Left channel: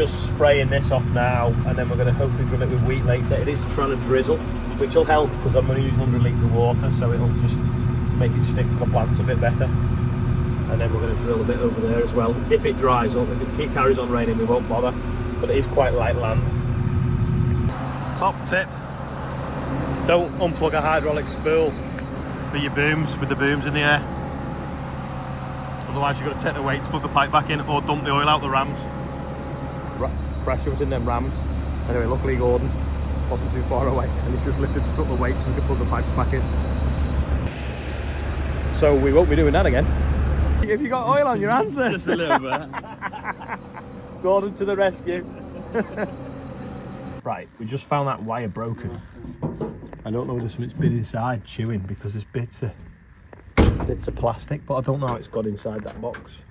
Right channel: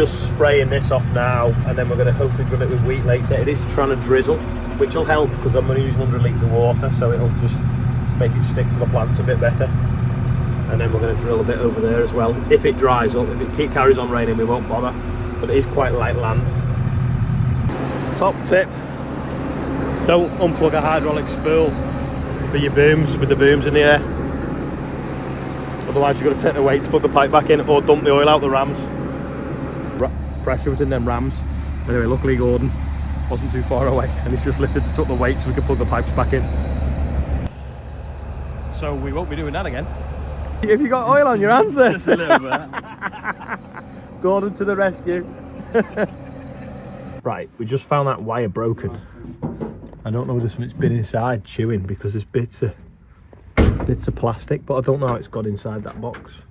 just spraying this off now, and then we're going to hopefully drill it with wheat later. It is trying to drizzle, which will help because I'm going to use 100 litres of water, so it'll just make it stick to the plants a bit better. And then we're going to drill a bit over there as well. If it dries up, if it carries on raining, we won't bother, but it is quite light land. Top tip, don't unplug a hydraulic spool for your booms with the booms in the air. Otherwise you've got to take the weight to put the pipe back in or dump the oil out the rams. Pressure was in them rams. Anyway, luckily Gordon wasn't too far away and he's just lifted took the weight so we could put the pipes back in. So we won't be doing that again. Have you got oil on your hands there? Just a little bit. Gordon to the rescue. Right, we just found that wire broken. I don't know whether something's been inside chewing because there's bits of plastic, but I don't know how it's got inside that box.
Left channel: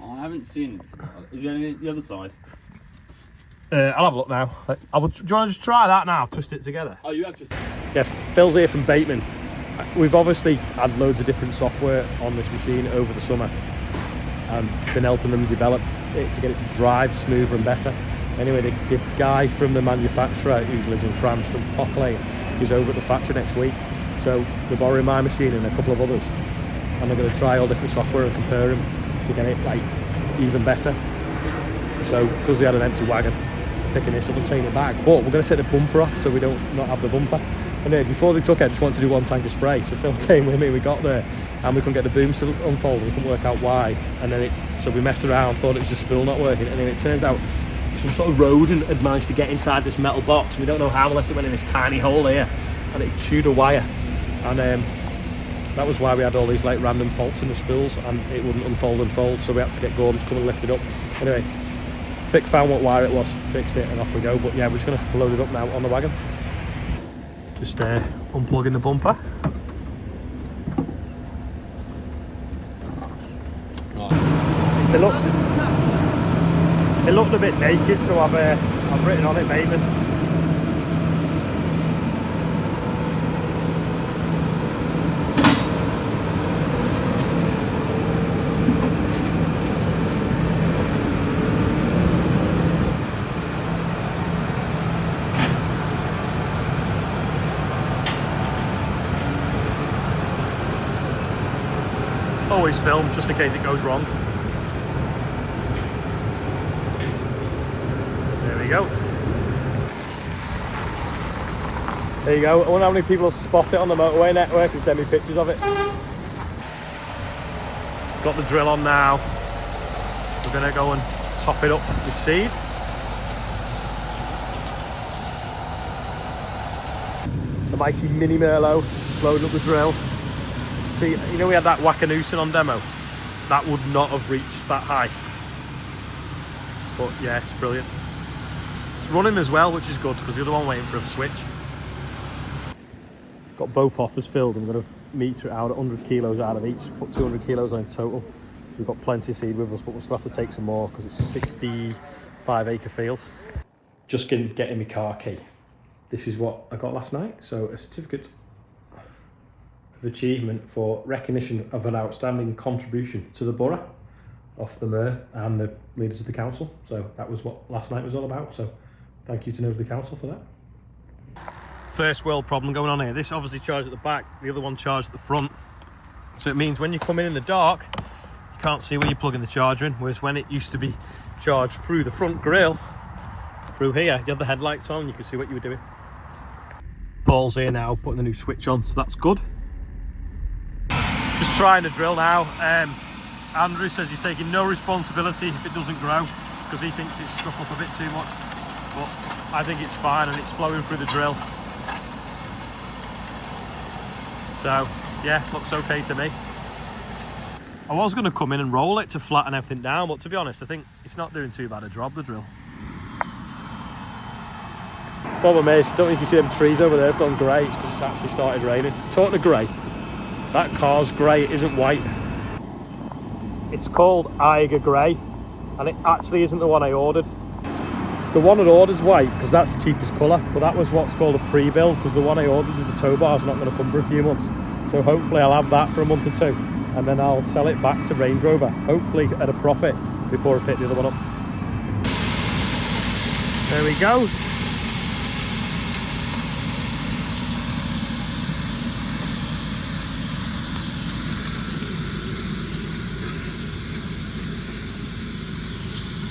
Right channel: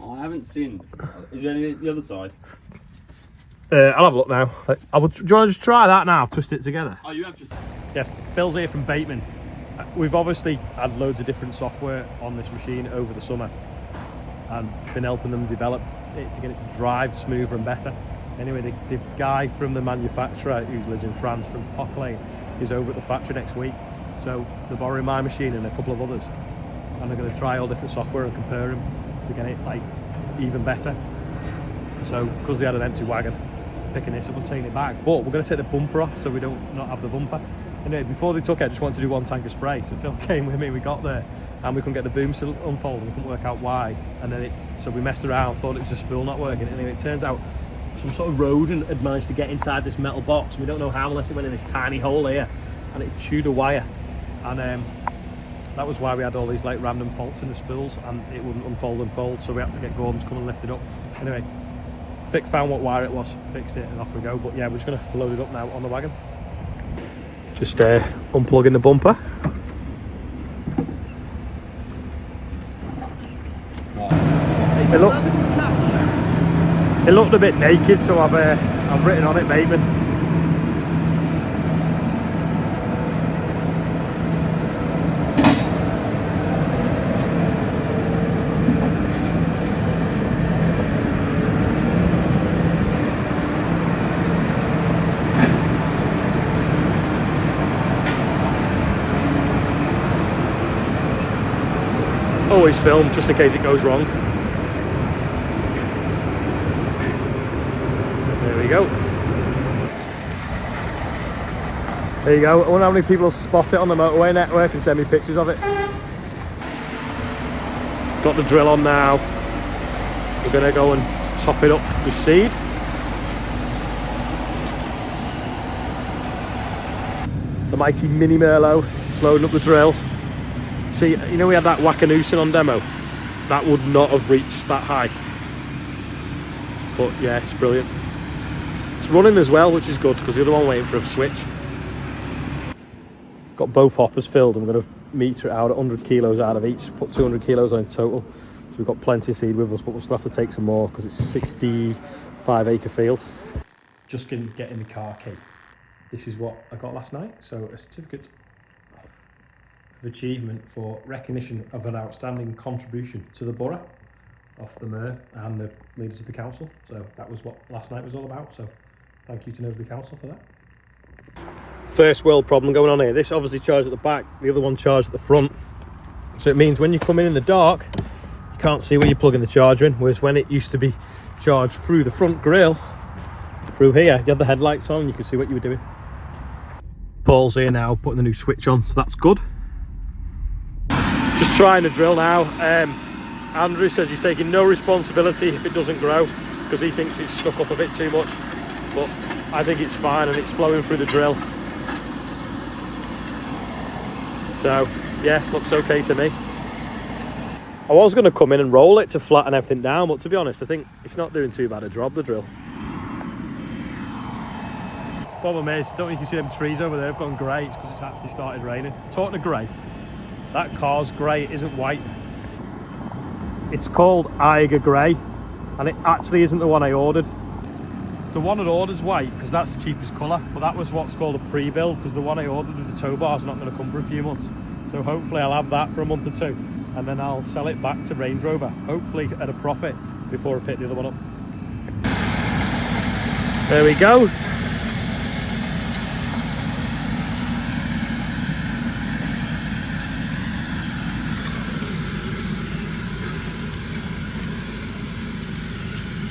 Oh, I haven't seen. Is there any the other side? I'll have a look now. Do you want to just try that now? Twist it together. Oh, you have just. Yeah, Phil's here from Bateman. We've obviously had loads of different software on this machine over the summer and been helping them develop it to get it to drive smoother and better. Anyway, the guy from the manufacturer who lives in France, from Pockley, is over at the factory next week. So they're borrowing my machine and a couple of others, and they're going to try all different software and compare them to get it like even better. So because they had an empty wagon, picking this up and taking it back, but we're going to take the bumper off so we don't not have the bumper. Anyway, before they took it, I just wanted to do one tank of spray. So Phil came with me, we got there, and we couldn't get the booms to unfold, we couldn't work out why. And then so we messed around, thought it was the spool not working. Anyway, it turns out some sort of rodent had managed to get inside this metal box. We don't know how unless it went in this tiny hole here, and it chewed a wire. And that was why we had all these like random faults in the spools, and it wouldn't unfold and fold, so we had to get Gordon to come and lift it up. Anyway, Vic found what wire it was, fixed it, and off we go. But yeah, we're just going to load it up now on the wagon. Just unplugging the bumper. Right. It looked a bit naked, so I've written on it Bateman. Always film just in case it goes wrong. There we go. There you go. I wonder how many people spot it on the motorway network and send me pictures of it. Got the drill on now. We're going to go and top it up with seed. The mighty Mini Merlot loading up the drill. See, you know we had that Wackanoosin on demo? That would not have reached that high. But yeah, it's brilliant. It's running as well, which is good, because the other one waiting for a switch. Got both hoppers filled, and we're going to meter it out at 100 kilos out of each, put 200 kilos on in total. So we've got plenty of seed with us, but we'll still have to take some more, because it's a 65-acre field. Just getting my car key. This is what I got last night, so a certificate of achievement for recognition of an outstanding contribution to the borough off the mayor and the leaders of the council. So that was what last night was all about, so thank you to know the council for that. First world problem going on here. This obviously charged at the back, the other one charged at the front, so it means when you come in the dark you can't see where you're plugging the charger in, whereas when it used to be charged through the front grille through here, you had the headlights on and you could see what you were doing. Paul's here now putting the new switch on, so that's good. Just trying to drill now. Andrew says he's taking no responsibility if it doesn't grow, because he thinks it's stuck up a bit too much, but I think it's fine and it's flowing through the drill. So yeah, looks okay to me. I was going to come in and roll it to flatten everything down, but to be honest I think it's not doing too bad a job, the drill. Problem is, don't you can see them trees over there have gone grey because it's actually started raining. Talking of grey, that car's grey, it isn't white. It's called Eiger Grey, and it actually isn't the one I ordered. The one I ordered is white because that's the cheapest colour, but that was what's called a pre-build, because the one I ordered with the tow bar is not going to come for a few months. So hopefully I'll have that for a month or two, and then I'll sell it back to Range Rover, hopefully at a profit, before I pick the other one up. There we go.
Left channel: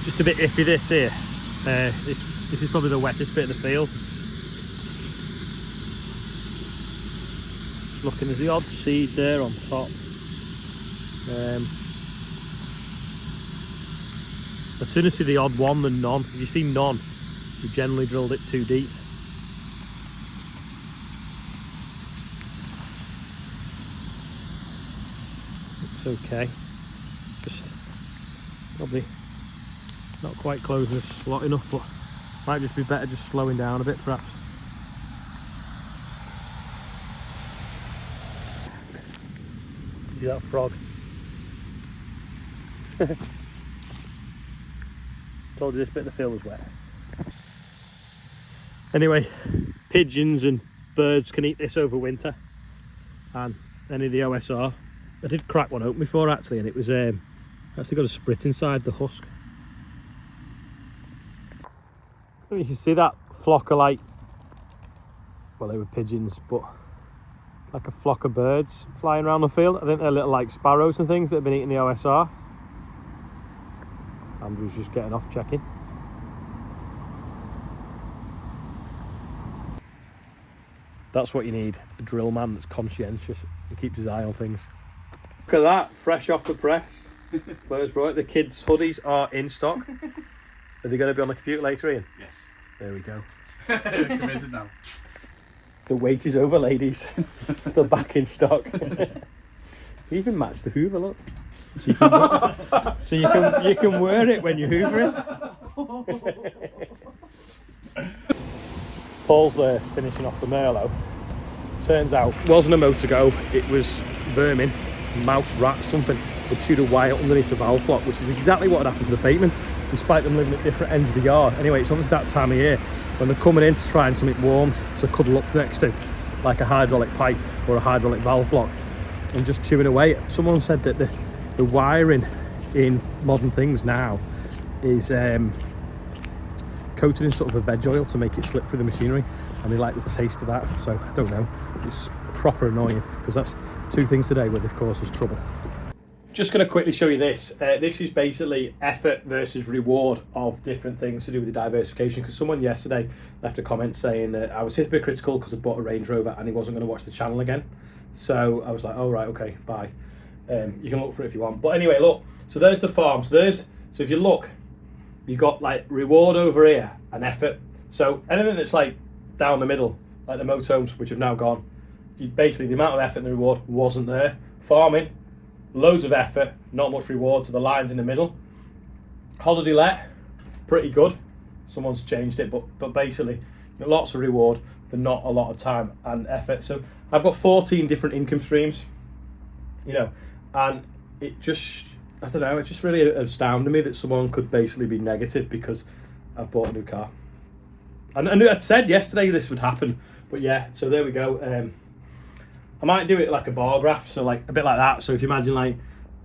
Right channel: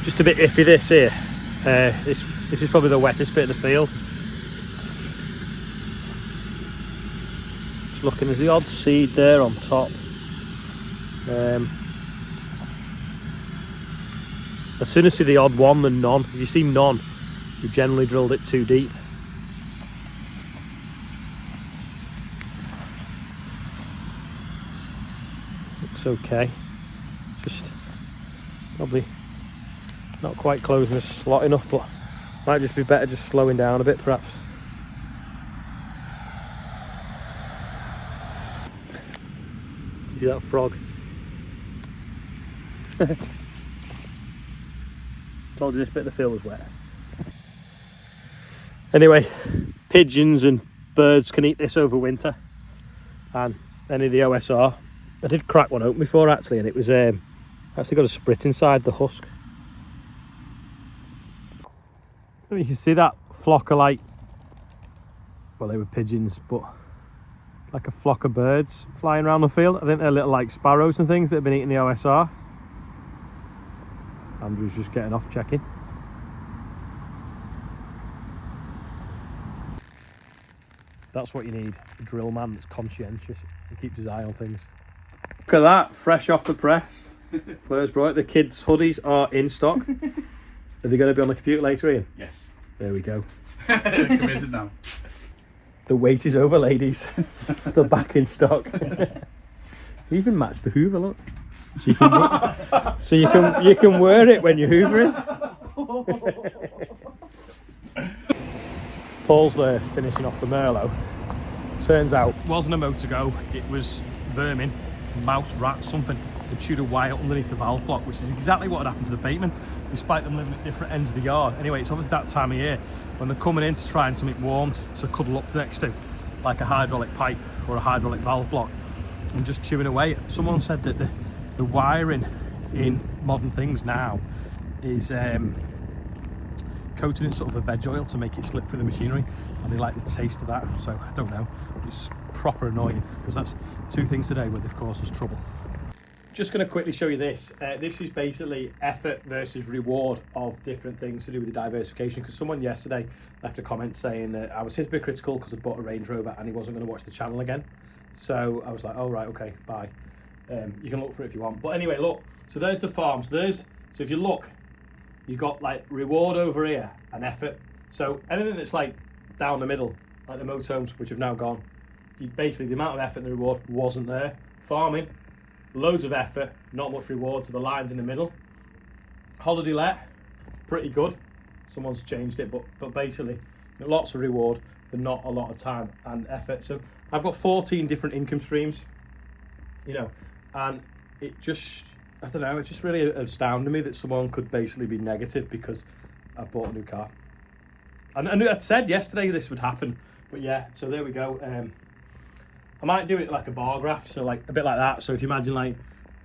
Just a bit iffy this here. This is probably the wettest bit of the field. Looking, there's the odd seed there on top. As soon as you see the odd one, then none. If you see none, you generally drilled it too deep. Looks okay. Just probably not quite closing the slot enough, but might just be better just slowing down a bit perhaps. See that frog? Told you this bit of the field was wet. Anyway, pigeons and birds can eat this over winter, and any of the OSR. I did crack one open before actually, and it was actually got a sprit inside the husk. You can see that flock of, like, well, they were pigeons, but like a flock of birds flying around the field. I think they're little like sparrows and things that have been eating the OSR. Andrew's just getting off checking. That's what you need, a drill man that's conscientious and keeps his eye on things. Look at that, fresh off the press. Blair's brought it. The kids' hoodies are in stock. Are they going to be on the computer later, Ian? Yes. There we go. Committed now. The wait is over, ladies. They're back in stock. You even match the Hoover, look. So you can wear it when you're hoovering. Paul's there finishing off the Merlot. Turns out it wasn't a motor go, it was vermin, mouse, rat, something that chewed a wire underneath the valve block, which is exactly what had happened to the bateman, despite them living at different ends of the yard. Anyway, it's obviously that time of year when they're coming in to try and something warm to cuddle up next to, like a hydraulic pipe or a hydraulic valve block, and just chewing away. Someone said that the wiring in modern things now is coated in sort of a veg oil to make it slip through the machinery, and they like the taste of that. So I don't know, it's proper annoying, because that's two things today where they've caused us trouble. Just going to quickly show you this. This is basically effort versus reward of different things to do with the diversification, because someone yesterday left a comment saying that I was hypocritical because I bought a Range Rover and he wasn't going to watch the channel again. So I was like, oh right, okay, bye. You can look for it if you want. But anyway, look, so there's the farm. So if you look, you got like reward over here and effort. So anything that's like down the middle, like the motorhomes, which have now gone, basically the amount of effort and the reward wasn't there. Farming, loads of effort, not much reward, so the lines in the middle. Holiday let, pretty good. Someone's changed it, but basically lots of reward for not a lot of time and effort. So I've got 14 different income streams, you know, and it just, I don't know, it just really astounded me that someone could basically be negative because I bought a new car. And I'd said yesterday this would happen, but yeah, so there we go. I might do it like a bar graph, so like a bit like that. So if you imagine like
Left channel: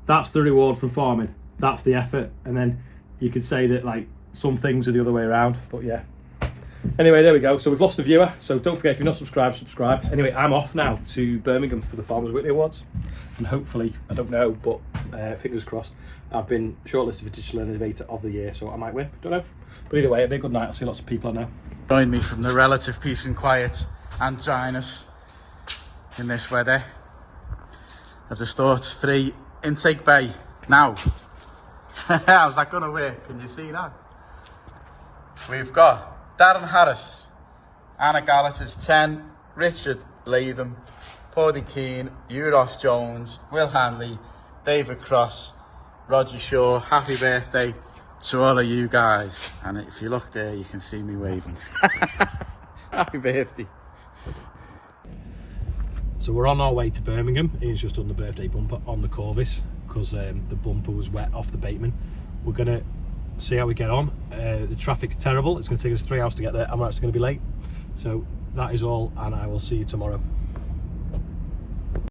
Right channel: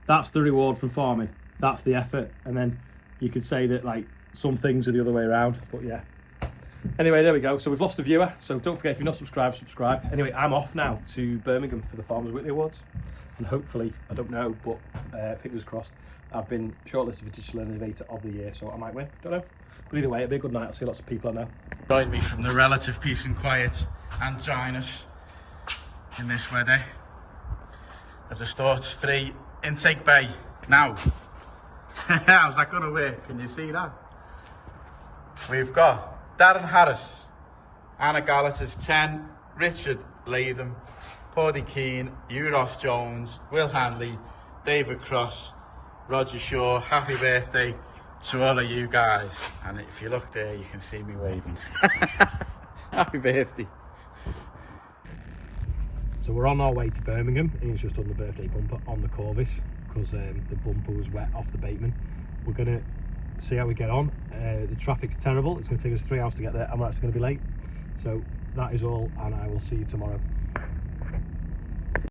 that's the reward from farming, that's the effort, and then you could say that like some things are the other way around. But yeah, anyway, there we go. So we've lost a viewer, so don't forget, if you're not subscribed, subscribe. Anyway, I'm off now to Birmingham for the Farmers Weekly Awards, and hopefully, I don't know, but fingers crossed, I've been shortlisted for Digital Innovator of the Year, so I might win, don't know. But either way, it'll be a good night. I'll see lots of people I know. Join me from the relative peace and quiet and dryness in this weather of the Storts 3 intake bay. Now, how's that going to work? Can you see that? We've got Darren Harris, Anna Gallatas 10, Richard Latham, Paddy Keane, Euros Jones, Will Hanley, David Cross, Roger Shaw. Happy birthday to all of you guys. And if you look there, you can see me waving. Happy birthday. So we're on our way to Birmingham. Ian's just done the birthday bumper on the Corvus because the bumper was wet off the bateman. We're going to see how we get on. The traffic's terrible. It's going to take us 3 hours to get there. I'm actually going to be late. So that is all, and I will see you tomorrow.